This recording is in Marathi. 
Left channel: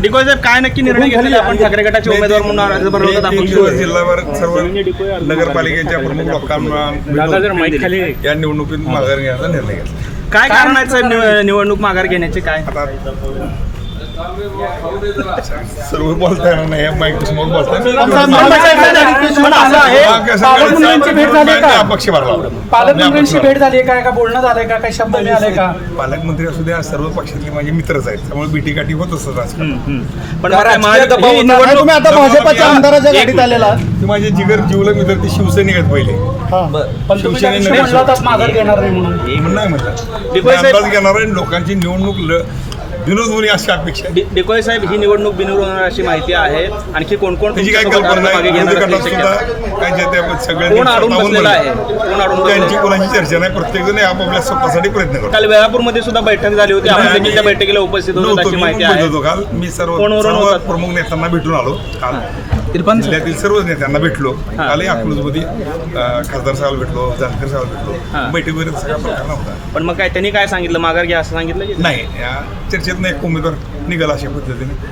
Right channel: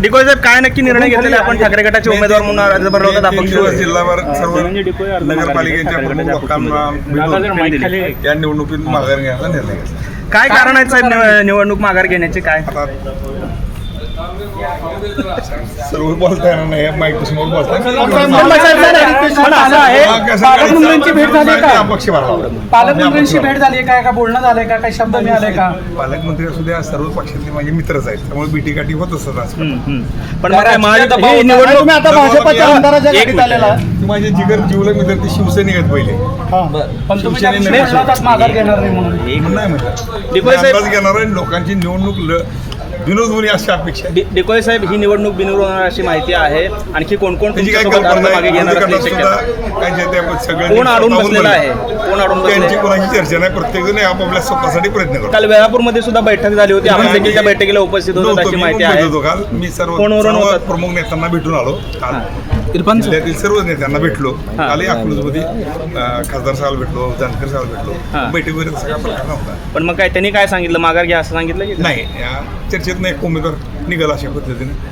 डिकोय साहेब काय नक्की निर्णय घेतला आपण ठाकरे गटाचे उमेदवार म्हणून अर्ज भरला? 3 दिवस जिल्हाभर सर्व नगरपालिकेच्या प्रमुख लोकांना या निवडणुकीत माघार घेण्याचा निर्णय घेतला. काय कारण आहे साहेब निवडणूक माघार घेण्याचे? काय आता सर्व बोलता येणार नाही, माईक समोर बोलता अपक्ष भरला. पालकमंत्र्यांची भेट झाली का? का बोलणं झालंय का? काही शब्द मिळाले का? पालकमंत्री असू द्या, सर्व पक्षातले माझे मित्रच आहेत, त्यामुळे बीटीकाठी होत असतात आजकाल. पण तुम्ही आता भाजपच्या आमदाराच्या गाडीत आलेला, माझे जिगर जीवलग मित्र ती शिवसैनिक पहिले शिवसेने माघार घेणार नाही म्हणून नाही म्हटलं, अंदाज घेणार आहे. लोकांची निवडणूक विनोद होणे अशी अपेक्षा. डिकोय साहेब, ही निवडणूक बिनविरोध होणार अशी माहिती आहे. आणखी कोण कोण त्याची काय कल्पना नाही. विरोधी गटात सुद्धा काय सगळ्यांनी त्यांची कोणाची चर्चा नाही. प्रत्येक जण आपापल्या स्वतःसाठी प्रयत्न करतो. काल वेळापूरमध्ये सुद्धा बैठक झाली होती, आमदारकीच्या बैठकीला उपस्थित नव्हतो मी. काल मी सर्व प्रमुख नेत्यांना भेटून आलो. काल जिल्ह्यातील सर्वच नेत्यांना भेटलो. कालही अकलूजमध्ये खासदार साहेब भेटलो, जानकर साहेब भेटलो. बैठक वगैरे सगळा प्रकार नव्हता. पण मग काय त्यांनी काय सांगितलं? माघार घ्या असं सांगितलं की नाही? या चर्चेत नाही उमेदवार निघाला अशा पद्धतीने.